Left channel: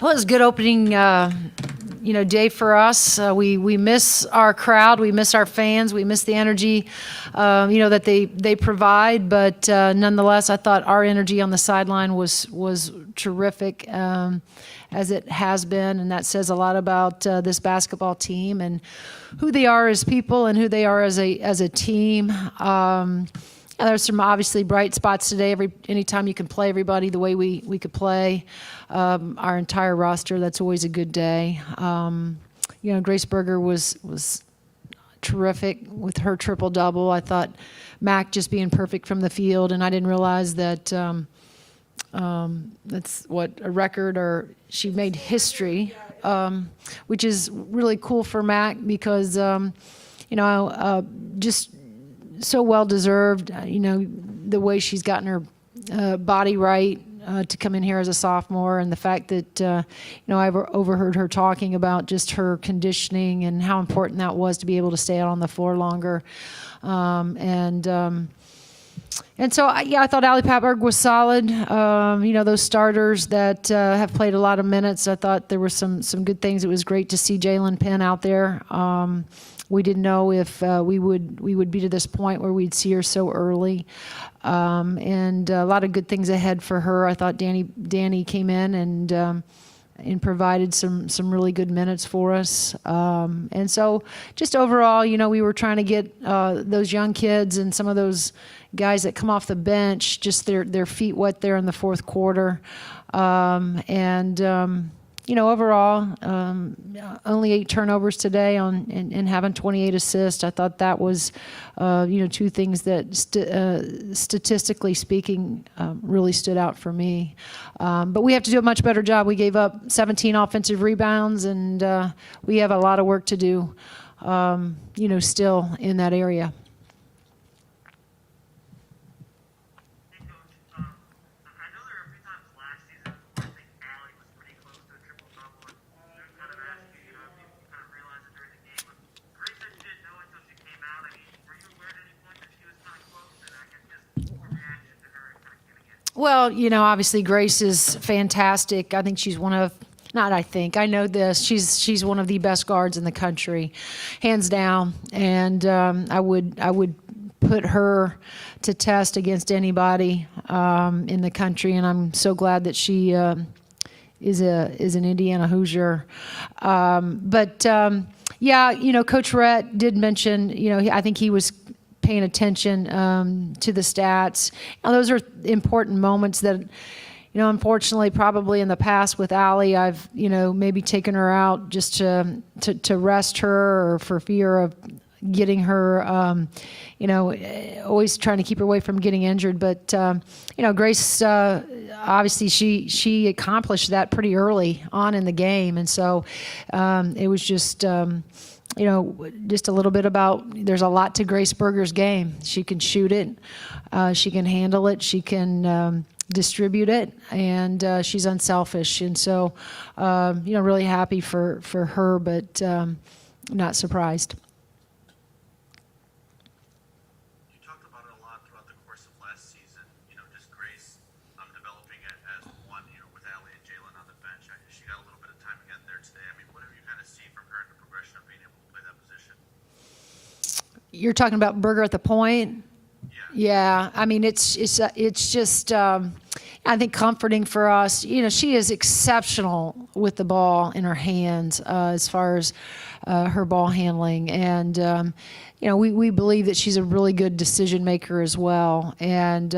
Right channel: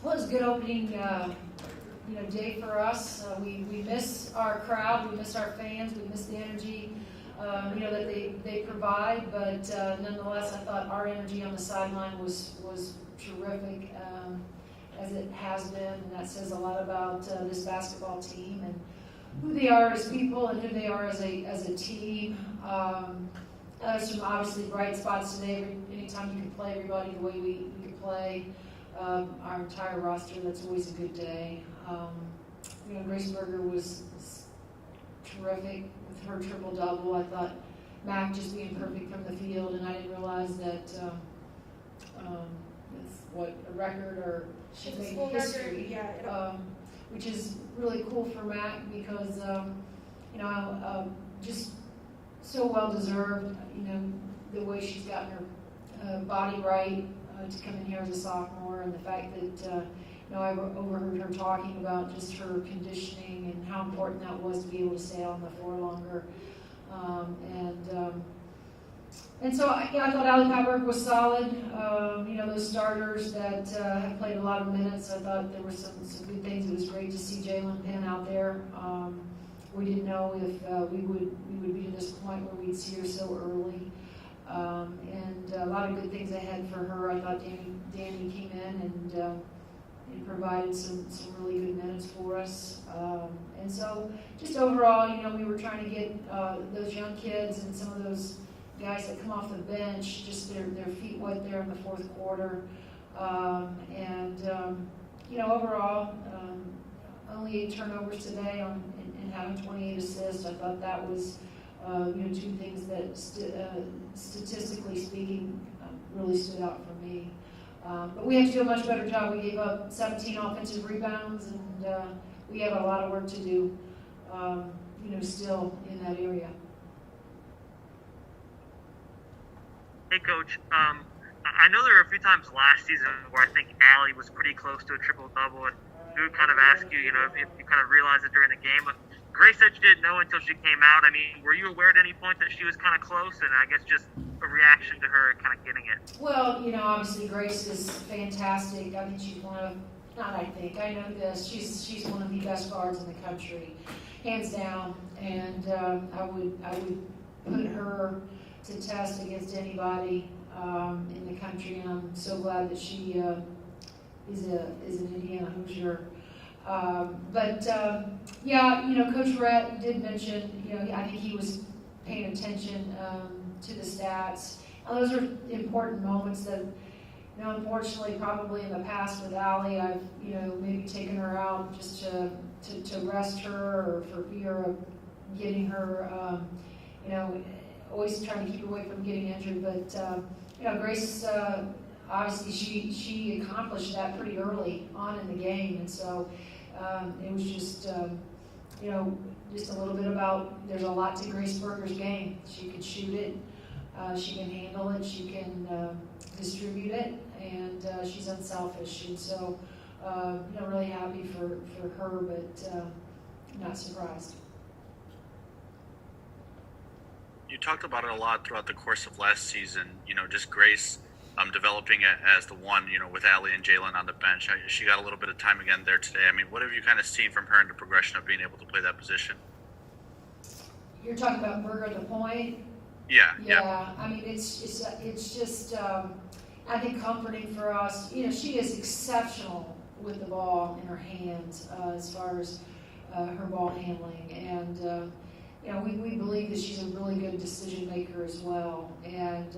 Well, it was a good opening, day for us. We miss our crowd, we miss our fans, we miss the energy, that they provide. But nonetheless, I thought our energy on the sideline was terrific, as it has been, and that says a lot about this basketball team and who they are as people and who they are as a team. There's some obviously bright spots today. Anytime you can play everybody the way we could play, our entire roster, that's always a good day. Grace Berger was terrific with her triple double. I thought Mac just being perfect from the field, and I didn't realize that that's what a record, or she made history, which is really cool for Mac because just so well deserved. The way she's gotten her body right to come in here as a sophomore, and the fact that I've overheard her talking about just her conditioning and how important that was to be able to stay out on the floor longer. And so, I thought Ali Patberg was solid. Those starters that have played a lot of minutes, I thought there were some good things. It was great to see Jalen Penn out there. We didn't know if we would be to this point where we'd see her so early. And a lot of good things ahead for her. I thought Danny came in and provided some really good minutes for us. And so just overall, we were trying to get those young kids and some of those guys that come off the bench, just their feet wet there in the fourth quarter. Overall, only 8 turnovers today and having 28 assists. I thought that was, two things that statistically speaking really stood out for me. But we have to do a much better job. We gave up 17 offensive rebounds, and we have a lot of work to do, still in that area. Hey, Coach. I know there were a few times last season where I think Allie was pretty close to a triple-double, and we would kind of ask you, if you kind of realized it during the game. But Grace said she didn't know until she came out. I mean, were you aware at any point that she was kind of close? And I guess just a reaction to her kind of getting it. Well, obviously Grace is fantastic. I think she's one of, not I think, I know this, she's one of the best guards in the country, hands down. And I would put her to test against anybody in the country, and I'm so glad that she is an Indiana Hoosier. Coach Rhett did mention, I think he was paying attention to the stats. Now, those are important moments that, unfortunately, probably in the past with Allie, I've, maybe taken her out just to rest her or for fear of getting her, always trying to keep her away from getting injured. But, Grace, obviously she accomplished that pretty early on in the game. And so it was just, just a little bit about, there's a lot to Grace Berger's game. She can shoot it. She can handle it. She can distribute it. And she's unselfish. And so, really happy for her, but not surprised. You talked about it a lot throughout the course of last season, just Grace developing it as the one, with Allie and Jalen on the bench. She got a little bit of time again there today. I mean, what have you kind of seen from her in the progression of being able to play that position? You're talking about Berger at the point? Yeah. I mean, it's just, I think, comforting for us. She is exceptional with the ball in her hands as far as her ball handling. And, we believe that she's a really good decision maker as well. And,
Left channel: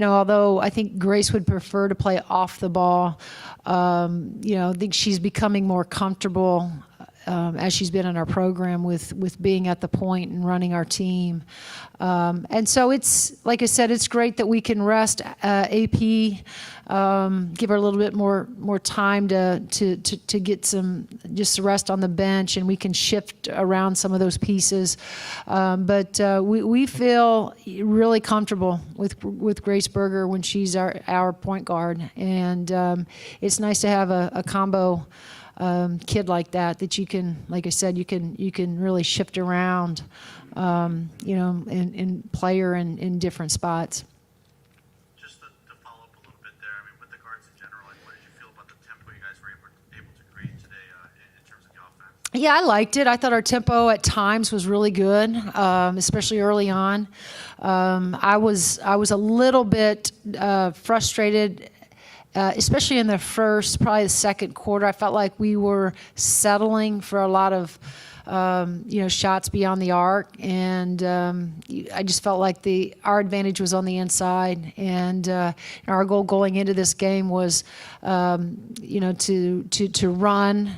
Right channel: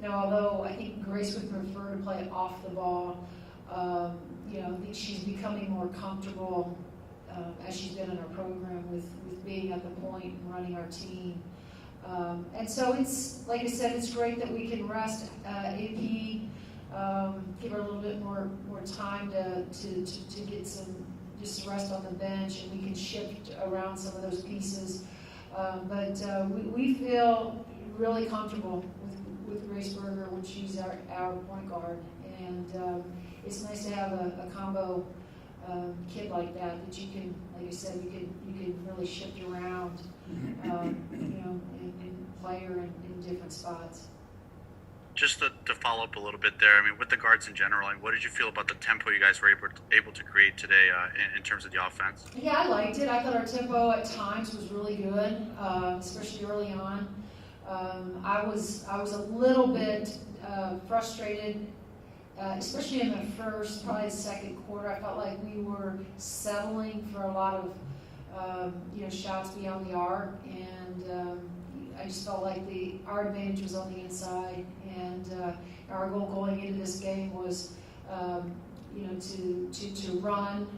although I think Grace would prefer to play off the ball, I think she's becoming more comfortable as she's been in our program with being at the point and running our team. And so it's, like I said, it's great that we can rest AP, give her a little bit more time to get some just rest on the bench, and we can shift around some of those pieces. But we feel really comfortable with Grace Berger when she's our point guard, and it's nice to have a combo kid like that you can, like I said, you can really shift around, and play her in different spots. just to follow up a little bit there, I mean, with the guards in general, and what did you feel about the tempo you guys were able to create today in terms of the offense? Yeah, I liked it. I thought our tempo at times was really good, especially early on. I was a little bit frustrated, especially in the first, probably the second quarter. I felt like we were settling for a lot of shots beyond the arc, and I just felt like our advantage was on the inside, and our goal going into this game was to run,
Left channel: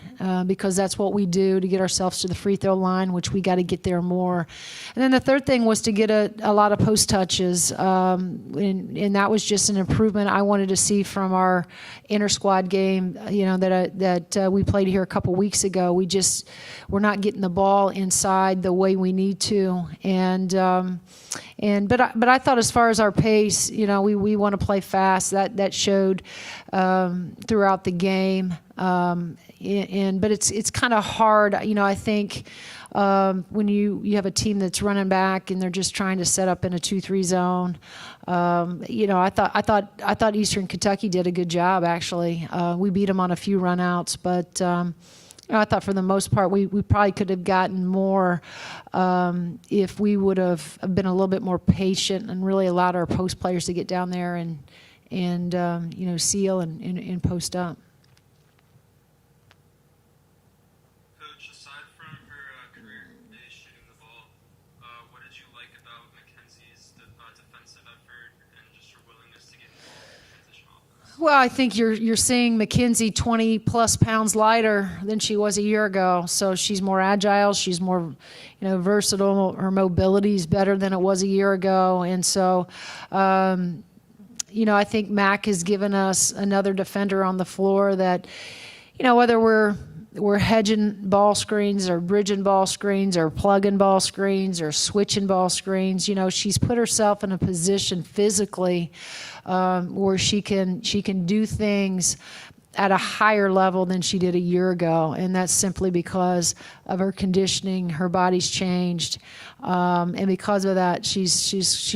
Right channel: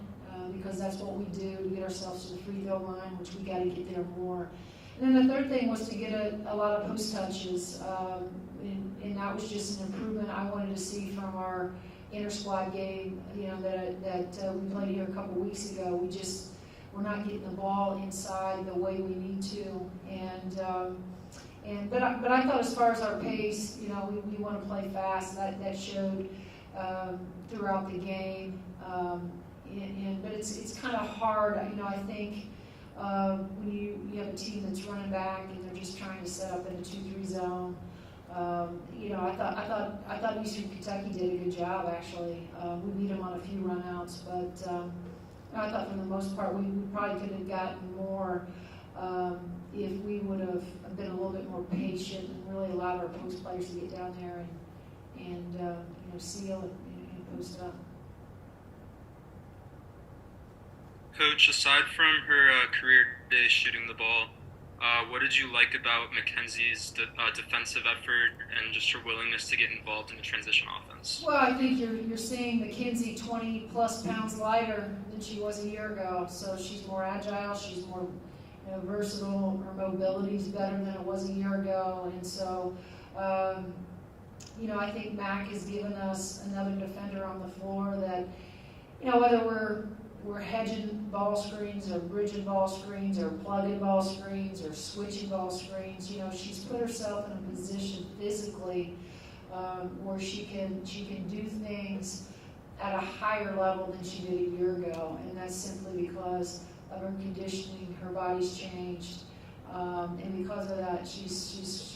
because that's what we do to get ourselves to the free throw line, which we got to get there more. And then the third thing was to get a lot of post touches, and that was just an improvement I wanted to see from our inter squad game, that we played here a couple weeks ago. We're not getting the ball inside the way we need to, but I thought as far as our pace, we want to play fast. That showed throughout the game, but it's kind of hard. I think when you have a team that's running back and they're just trying to set up in a 2-3 zone. I thought Eastern Kentucky did a good job actually. We beat them on a few runouts, but. I thought for the most part we probably could have gotten more if we would have been a little bit more patient and really allowed our post players to get down there and seal and post up. Coach, aside from her career day shooting the ball, what did you like about Mackenzie's defensive effort and just her willingness to get involved in the transition offense? Well, I think you're seeing Mackenzie 20-plus pounds lighter than she was a year ago. So she's more agile. She's more, versatile. Her mobility is better than it was a year ago. And so, I think Mac has given us another defender on the floor that, whether we're hedging ball screens or bridging ball screens or plugging ball screens or switching ball screens, she's put herself in a position physically where she can do things at a higher level than she did a year ago, and that's simply because of her conditioning. Her body's changed, and because of that, she's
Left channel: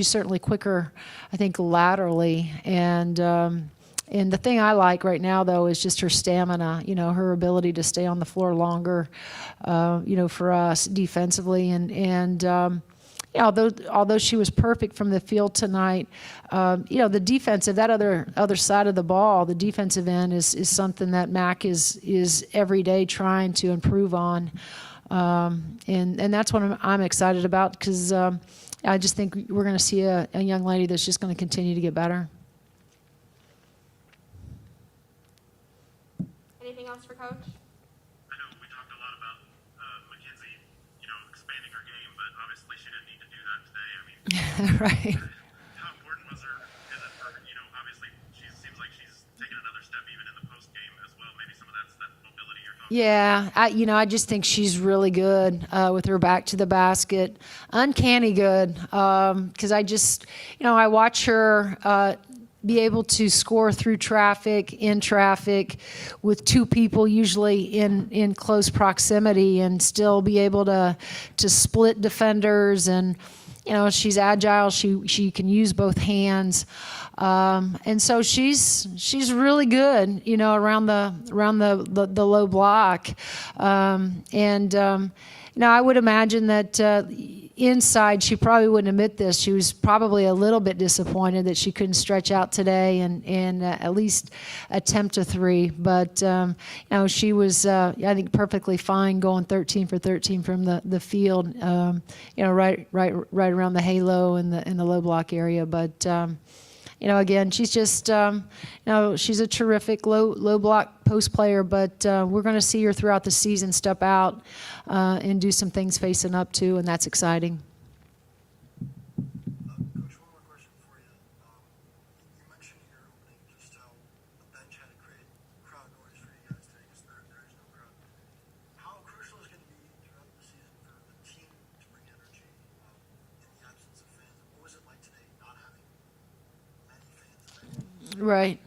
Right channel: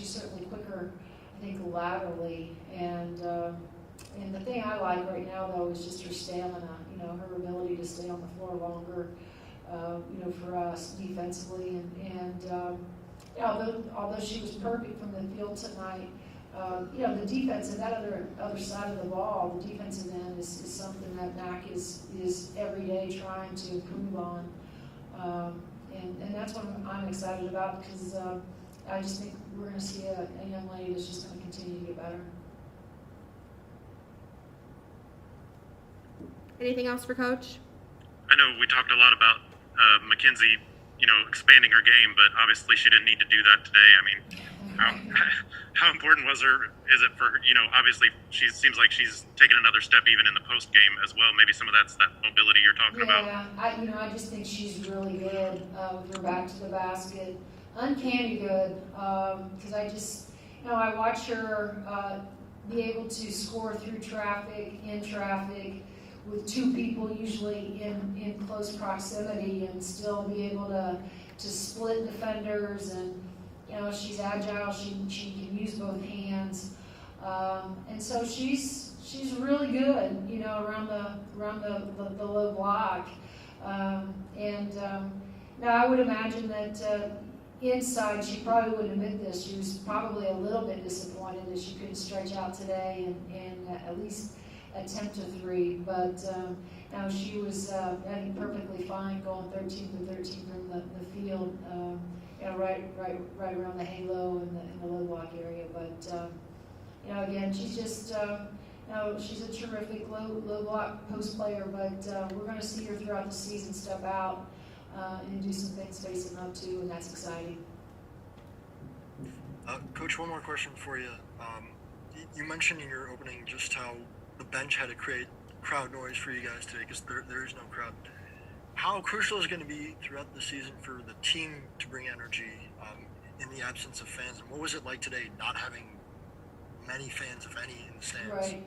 certainly quicker, I think, laterally. And the thing I like right now, though, is just her stamina, her ability to stay on the floor longer, for us defensively. And although she was perfect from the field tonight, the defensive, that other side of the ball, the defensive end is something that Mac is every day trying to improve on. And that's what I'm excited about, because I just think we're going to see a young lady that's just going to continue to get better. Anything else for Coach? I know we talked a lot about Mackenzie, expanding her game, but obviously she didn't need to do that today. I mean, Right. how important is it for her? Obviously she seems like she's taken another step even in the post game as well. Maybe some of that's that mobility you're talking about. Yeah, I just think she's really good with her back to the basket. Uncanny good, because I just, I watch her be able to score through traffic, in traffic, with two people usually in close proximity, and still be able to split defenders. And she's agile. She can use both hands, and so she's really good. Around the low block, and I would imagine that. Inside, she probably wouldn't admit this. She was probably a little bit disappointed that she couldn't stretch out today and at least attempt a three. But she was, I think, perfectly fine going 13 for 13 from the field. Right around the halo and the low block area. But again, she's just, she's a terrific low block post player. But we're going to see her throughout the season step out. And do some things facing up to, and that's exciting. Coach, one more question for you. You mentioned in your opening just how the bench had to create crowd noise for you guys today, because there is no crowd. How crucial is it going to be throughout the season for the team to bring energy in the absence of fans? And what was it like today not having many fans, if any, in the stands? Right.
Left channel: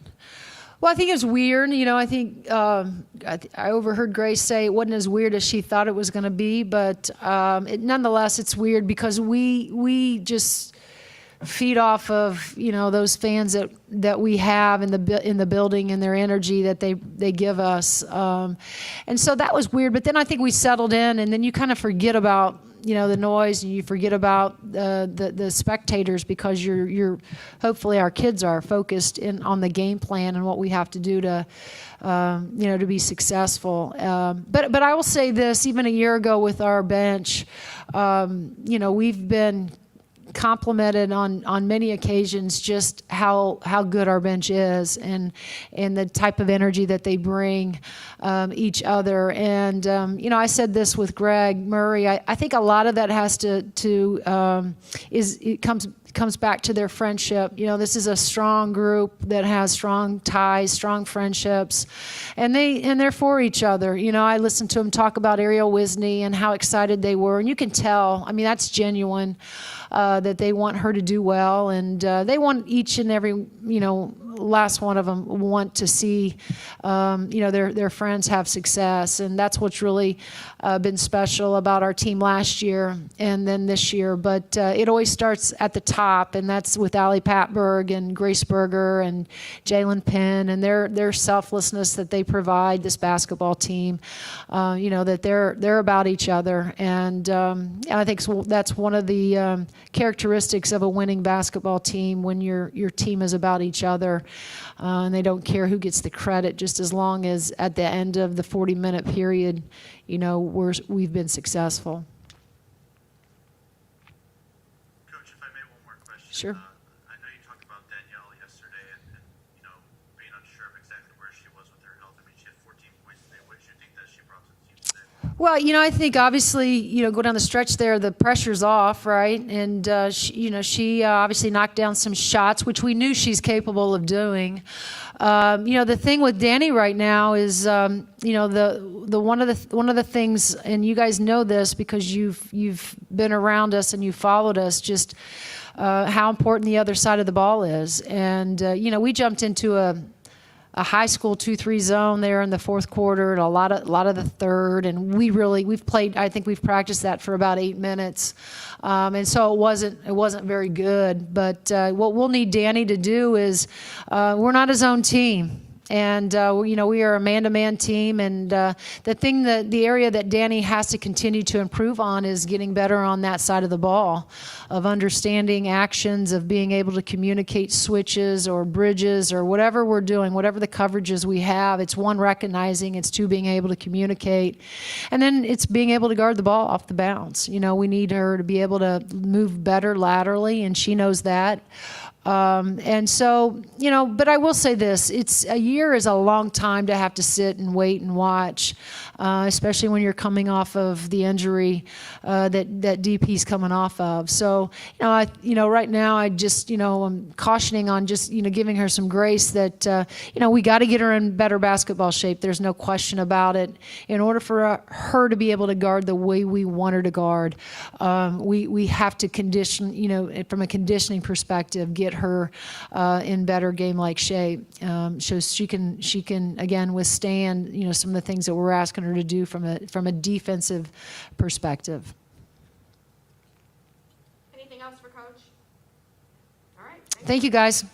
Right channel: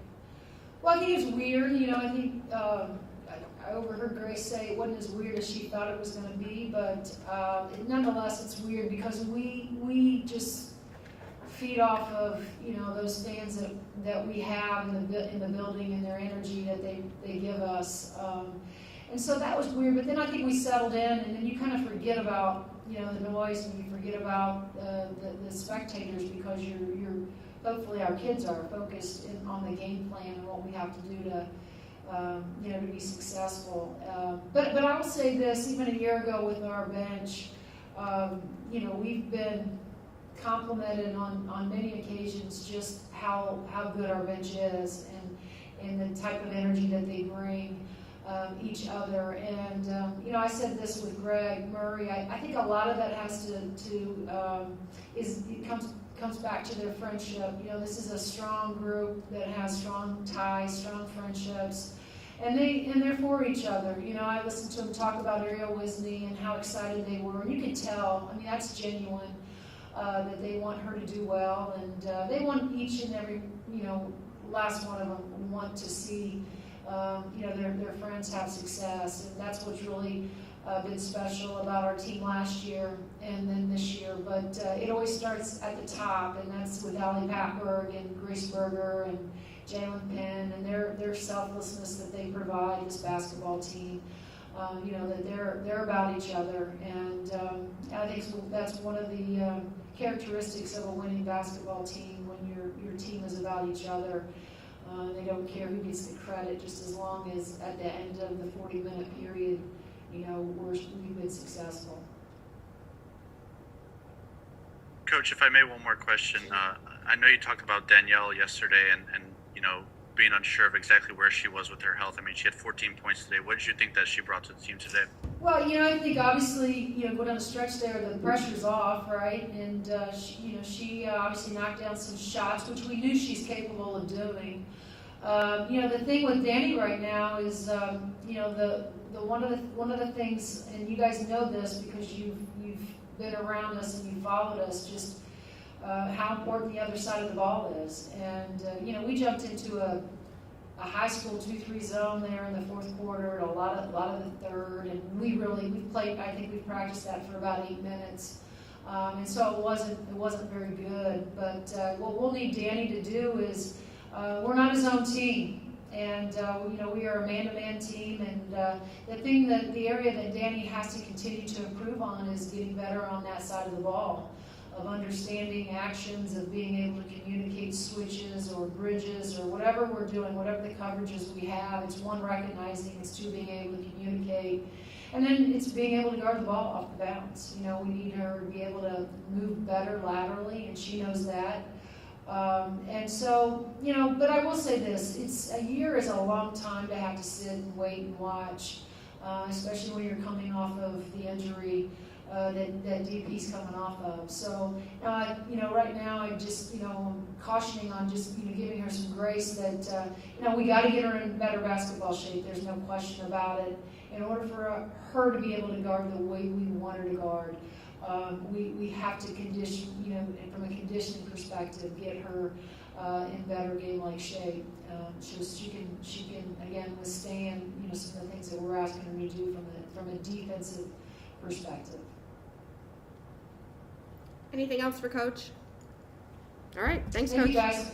Well, I think it's weird. I think I overheard Grace say it wasn't as weird as she thought it was going to be, but nonetheless, it's weird because we just feed off of, those fans that we have in the building and their energy that they give us. And so that was weird. But then I think we settled in, and then you kind of forget about the noise, and you forget about the spectators, because you're hopefully our kids are focused on the game plan and what we have to do to to be successful. But I will say this: even a year ago with our bench, we've been complimented on many occasions just how good our bench is, and the type of energy that they bring each other. And I said this with Greg Murray. I think a lot of that has it comes back to their friendship. This is a strong group that has strong ties, strong friendships, and they're for each other. I listened to them talk about Ariel Wisney and how excited they were, and you can tell. I mean, that's genuine. That they want her to do well, and they want each and every last one of them want to see their friends have success, and that's what's really been special about our team last year and then this year. But it always starts at the top, and that's with Allie Patberg and Grace Berger and Jalen Penn and their selflessness that they provide this basketball team. That they're about each other, and I think that's one of the characteristics of a winning basketball team, when your team is about each other, and they don't care who gets the credit, just as long as at the end of the 40-minute period, we've been successful. Coach, if I may, one more question. Sure. I know you talked about Danielle yesterday, and being unsure of exactly where she was with her health. I mean, she had 14 points today. What did you think that she brought to the team today? Well, I think obviously, go down the stretch there, the pressure's off, right? And, she obviously knocked down some shots, which we knew she's capable of doing. The thing with Danny right now is, the one of the things, and you guys know this because you've been around us and you've followed us, just how important the other side of the ball is. And, we jumped into a high school 2-3 zone there in the fourth quarter, and a lot of the third, and we've played, I think we've practiced that for about 8 minutes. And so it wasn't very good. But what we'll need Danny to do is, we're not a zone team. And, we are a man-to-man team. And the area that Danny has to continue to improve on is getting better on that side of the ball, of understanding actions, of being able to communicate switches or bridges or whatever we're doing, whatever the coverages we have. It's one, recognizing, it's two, being able to communicate. And then it's being able to guard the ball off the bounce. We need her to be able to move better laterally, and she knows that. And so, but I will say this, a year is a long time to have to sit and wait and watch, especially when you're coming off of the injury that DP's coming off of. So, right now I just, I'm cautioning on just, giving her some grace that, we got to get her in better basketball shape. There's no question about it. In order for her to be able to guard the way we want her to guard, we have to condition, from a conditioning perspective, get her in better game-like shape, so she can again withstand, some of the things that we're asking her to do from a defensive perspective. Anything else for Coach? All right. Thanks, Thank you, Coach. guys.